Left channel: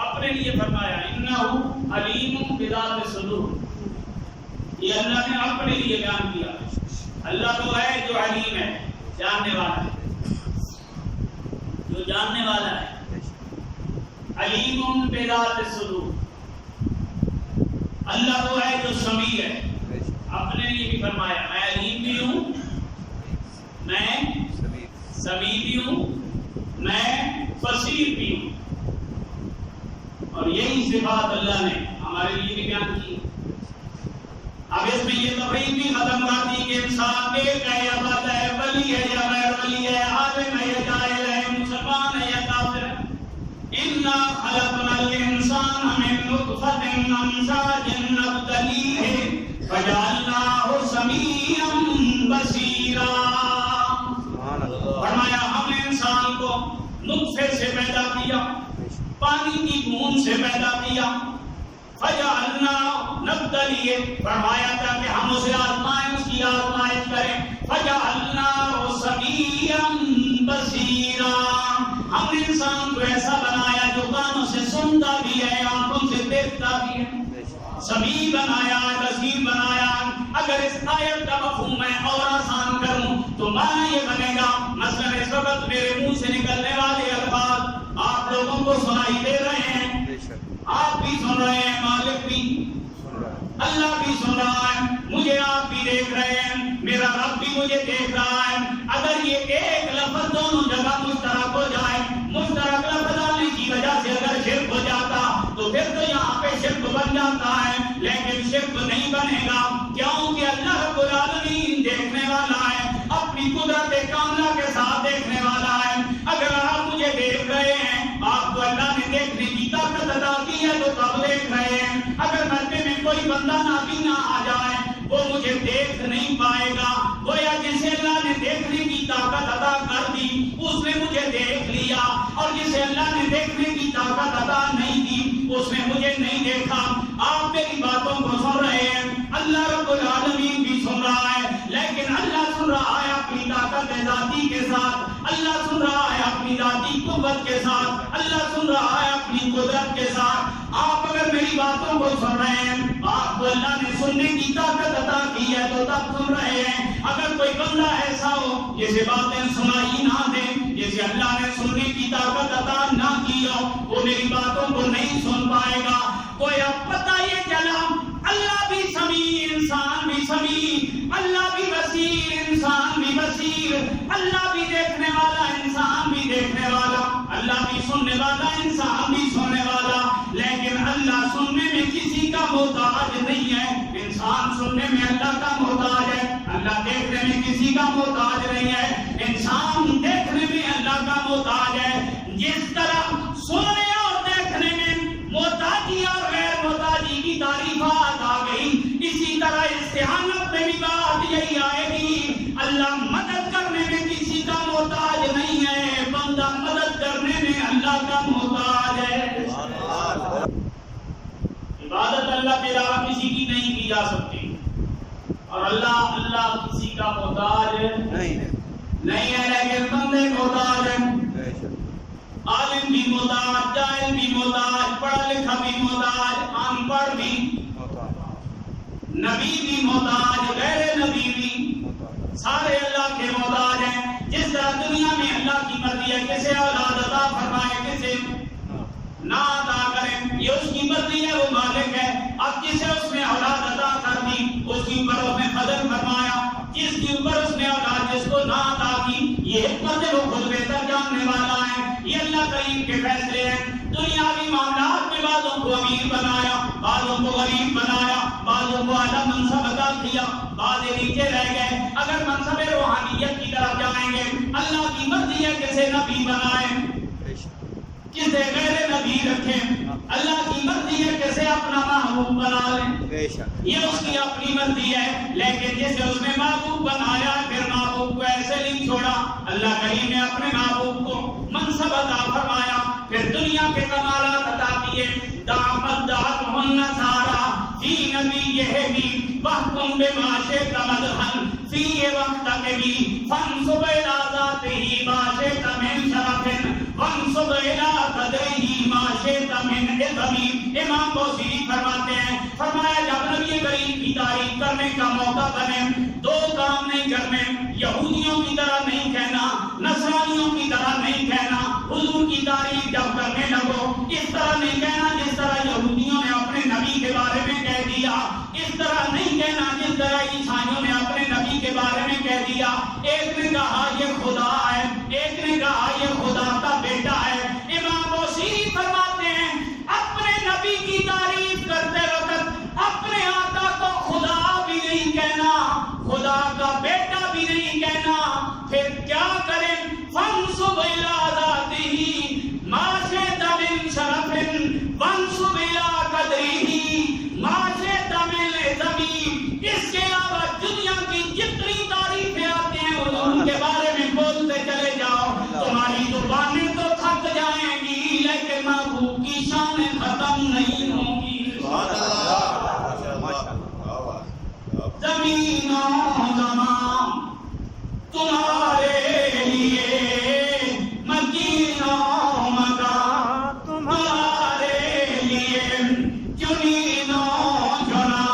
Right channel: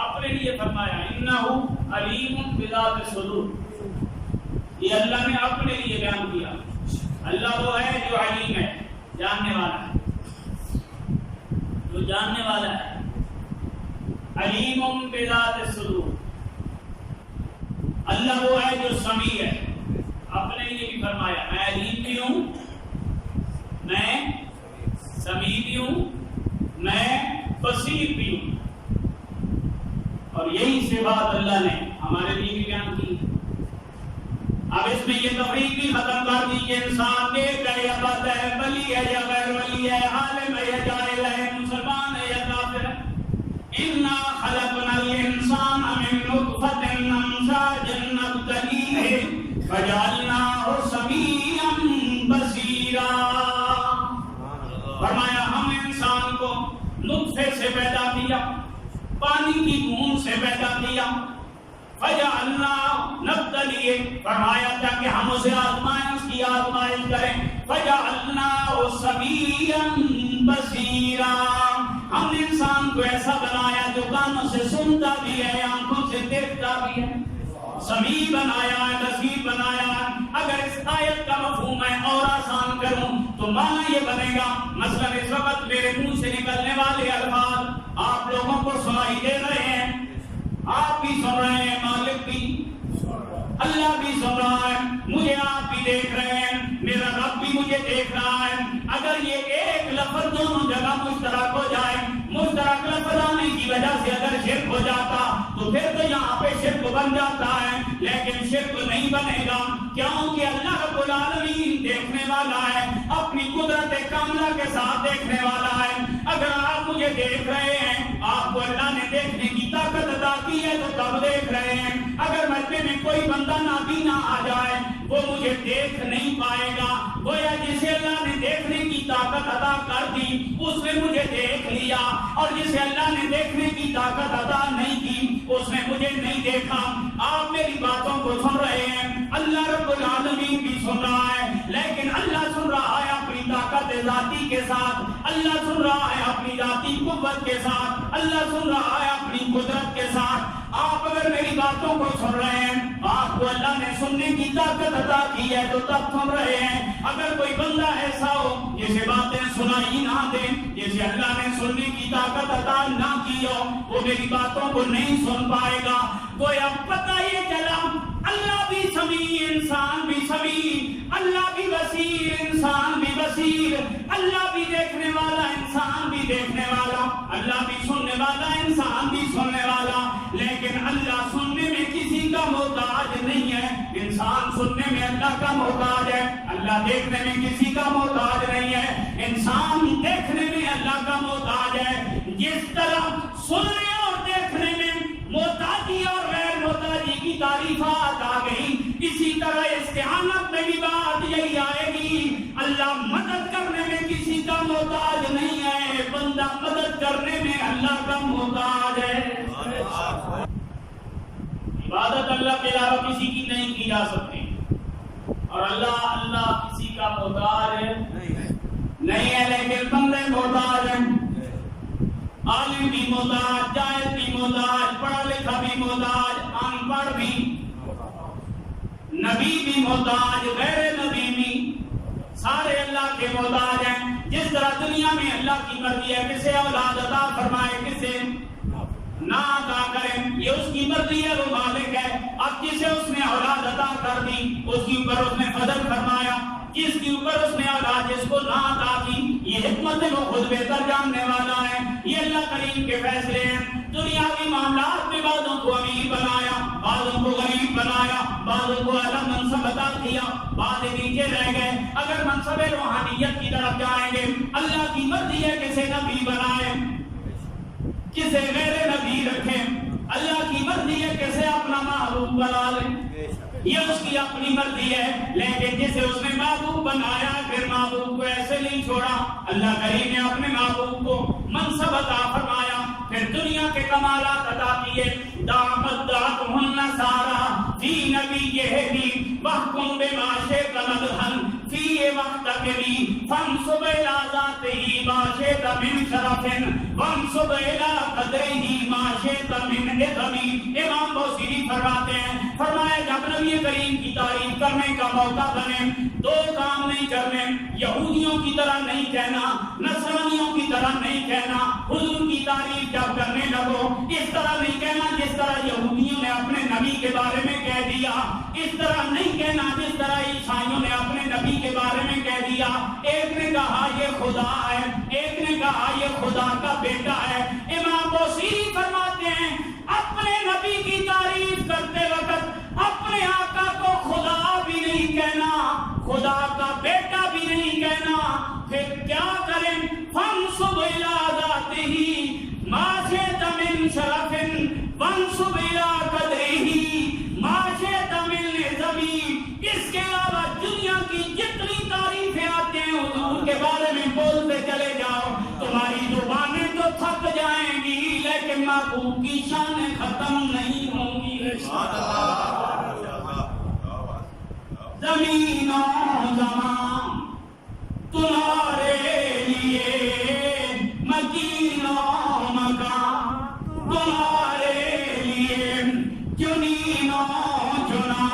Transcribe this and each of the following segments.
اپنے لیے فرمایا انہ علیم بذات الصدور. یہ اللہ نے اپنے لیے بیان کیا. اللہ وہ ہے جو علیم ہے, جاننے والا ہے, جو جاننے والا ہے. علیم بذات الصدور. اللہ وہ ہے جو سمیع ہے. اپنے لیے بھی فرمایا میں علیم بھی ہوں, میں سمیع بھی ہوں, میں بصیر بھی ہوں. اور یہی صفات اللہ نے ہمارے لیے بھی بیان کی. اب اس میں یہ تفریق بھی ختم کر دی کہ انسان نیک ہے یا بد ہے, ولی ہے یا غیر ولی ہے, عالم ہے یا جاہل ہے, مسلمان ہے یا کافر ہے. انا خلقنا الانسان من نطفۃ امشاج نبتلیہ فجعلناہ سمیعا بصیرا. فرمایا ہم نے انسان کو نطفے سے پیدا کیا, پانی کی بوند سے پیدا کیا. فجعلناہ نبتلیہ, فرمایا تھا کہ ہم اسے آزمائیں, اس کی آزمائش کریں. فجعلناہ سمیعا بصیرا. ہم نے انسان کو ایسا بنایا جو کانوں سے سنتا بھی ہے, آنکھوں سے دیکھتا بھی ہے. سمیع بنایا, بصیر بنایا. اگر اس آیت کا مفہوم میں اور آسان کروں تو معنی یہ بنے گا, مثلا اس وقت میرے منہ سے نکلنے والے الفاظ آپ لوگوں کو سنائی دے رہے ہیں, آپ بھی سن رہے ہیں, مالک بھی, اللہ بھی سن رہا ہے, مجھے آپ بھی دیکھ رہے ہیں, میرا رب بھی مجھے دیکھ رہا ہے. اگر یہ ایک لفظ دونوں جگہ مشترک ہو جائے, مشترک لفظ آنے کی وجہ سے اگر شرک ہو جاتا تو پھر تو یہاں پہ شرک بن جاتا ہے, لیکن شرک نہیں بنے گا. کیونکہ اللہ رب العالمین دیکھنے والا ہے, اپنی قدرت کاملہ کے ساتھ دیکھنے والا ہے. اگر آپ مجھے دیکھ رہے ہیں, آپ کو اللہ نے دیکھنے کی طاقت عطا کی ہے تو تب دیکھ رہے ہیں. اگر مرنے میں کوئی بندہ نابینا آ جائے وہ مجھے دیکھ نہیں پائے گا. گویا جسے اللہ نے دیکھنے کی طاقت عطا کر دی اس نے مجھے دیکھ لیا, اور جسے اللہ نے دیکھنے کی طاقت عطا نہیں کی اس نے مجھے نہیں دیکھا. آپ میری باتوں کو سن رہے ہیں, اللہ رب العالمین بھی سن رہا ہے, لیکن اللہ سن رہا ہے اپنی طاقت ذاتی کے ساتھ, اللہ سن رہا ہے اپنی ذاتی قوت کے ساتھ, اللہ سن رہا ہے اپنی قدرت کے ساتھ. آپ اگر میری باتوں کو سن رہے ہیں, آپ کو اللہ نے سننے کی طاقت عطا کی ہے تو تب سن رہے ہیں. اگر کوئی بندہ ایسا ہو جسے باتیں سنائی نہ دیں, جسے اللہ نے سننے کی طاقت عطا نہ کی ہو, وہ میری باتوں کو نہیں سن پائے گا. گویا پتہ یہ چلا اللہ بھی سمیع, انسان بھی سمیع, اللہ بھی بصیر, انسان بھی بصیر, اللہ بھی دیکھنے والا, انسان بھی دیکھنے والا, اللہ بھی سننے والا, انسان بھی سننے والا. لیکن اللہ سننے میں کسی کا محتاج نہیں ہے, انسان سننے میں اللہ کا محتاج ہے. اللہ دیکھنے میں کسی کا محتاج نہیں ہے, انسان دیکھنے میں اللہ کا محتاج ہے. جس طرح سننے اور دیکھنے میں محتاجی اور غیر محتاجی کی تعریفات آ گئی, اسی طرح استعانت میں بھی بات یہی آئے گی. اللہ مدد کرنے میں کسی کا محتاج نہیں ہے, بندہ مدد کرنے میں اللہ کا محتاج ہے. عبادت اللہ کے علاوہ کسی کی نہیں کی جا سکتی, اور اللہ کسی کا محتاج نہیں ہے, لیکن بندے محتاج ہیں. عالم بھی محتاج, جاہل بھی محتاج, پڑھا لکھا بھی محتاج, ان پڑھ بھی, نبی بھی محتاج, غیر نبی بھی, سارے اللہ کے محتاج ہیں. جس طرح دنیا میں اللہ کی مرضی ہے کسے اولاد عطا فرمائے, کسے نہ عطا کریں, یہ اس کی مرضی ہے, وہ مالک ہے. اب جسے اس نے اولاد عطا کر دی اس کے اوپر اس نے فضل فرمایا, جس کے اوپر اس نے اولاد جس کو نہ عطا کی, یہ حکمت ہے, وہ خود بہتر جاننے والا ہے. یہ اللہ کریم کے فیصلے ہیں. دنیاوی معاملات میں بعضوں کو امیر بنایا, بعضوں کو غریب بنایا, بعضوں کو اعلیٰ منصب عطا کیا, بعض نیچے رہ گئے. اگر منصب روحانیت کی طرف جائیں گے, اللہ کی مرضی ہے کسے نبی بنائے, کسے غیر نبی رکھیں. اللہ کی مرضی ہے کسے اپنا محبوب بنا لیں, یہ اس کی اپنی مرضی ہے. لیکن جسے اس نے محبوب بنایا پھر محبوب کو ایسے نہیں چھوڑا. اللہ کریم نے اپنے محبوب کو منصب عطا فرمایا, پھر دنیا کے کمالات عطا کیے. دعوت دعتہن سارا فی نبیہ وحکم بما شئت مدحن فی وقتک بھی فانصب الی ذاتہ ما شئت من شرف وانصب الی قدرہ ما شئت من عظم. امام بوصیری فرماتے ہیں، فرمایا جب نبی کریم کی تعریف کرنے کا موقع بنے دو کام نہیں کرنے، یہودیوں کی طرح نہیں کہنا، نصرانیوں کی طرح نہیں کہنا. حضور کی تعریف جب کرنے لگو اس طرح نہیں کہنا جس طرح یہودیوں نے اپنے نبی کے بارے میں کہہ دیا، اس طرح نہیں کہنا جس طرح عیسائیوں نے اپنے نبی کے بارے میں کہہ دیا. ایک نے کہا یہ خدا ہے، ایک نے کہا یہ خدا کا بیٹا ہے. امام بوصیری فرماتے ہیں اپنے نبی کی تعریف کرتے وقت اپنے آقا کو خدا بھی نہیں کہنا، خدا کا بیٹا بھی نہیں کہنا. پھر کیا کریں؟ فانصب الی ذاتہ ما شئت من شرف وانصب الی قدرہ ما شئت من عظم. اس کے علاوہ دنیا کی جتنی تعریفیں آتی ہیں حضور کے بارے میں بولتے چلے جاؤ، تمہاری زبانیں تو تھک جائیں گی لیکن محبوب کی شان ختم نہیں ہوگی. زمین و زمان تمہارے لیے، مکین و مکان تمہارے لیے، جنین و جنا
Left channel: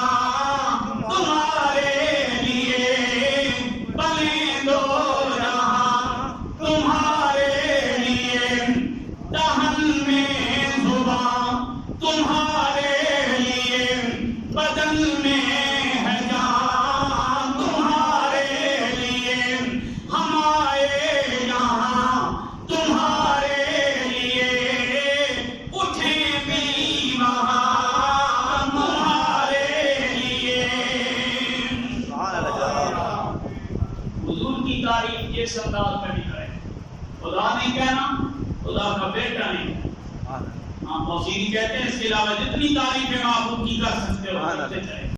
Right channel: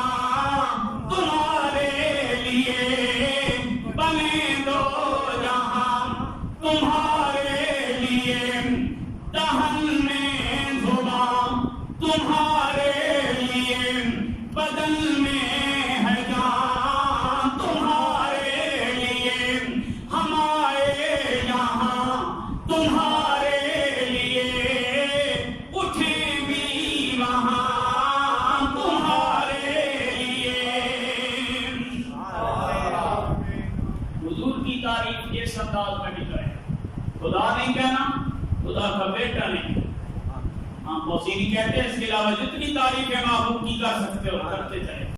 تمہارے لیے، بنے دو جہاں تمہارے لیے، دہن میں زبان تمہارے لیے، بدن میں ہے جان تمہارے لیے، ہم آئے یہاں تمہارے لیے، اٹھیں بھی وہاں تمہارے لیے. حضور کی تعریف جس انداز میں بھی کریں، خدا نہیں کہنا، خدا کا بیٹا نہیں کہنا. ہاں بوصیری کہتے ہیں اس کے علاوہ جتنی تعریفیں محبوب کی کر سکتے ہو کرتے جائے.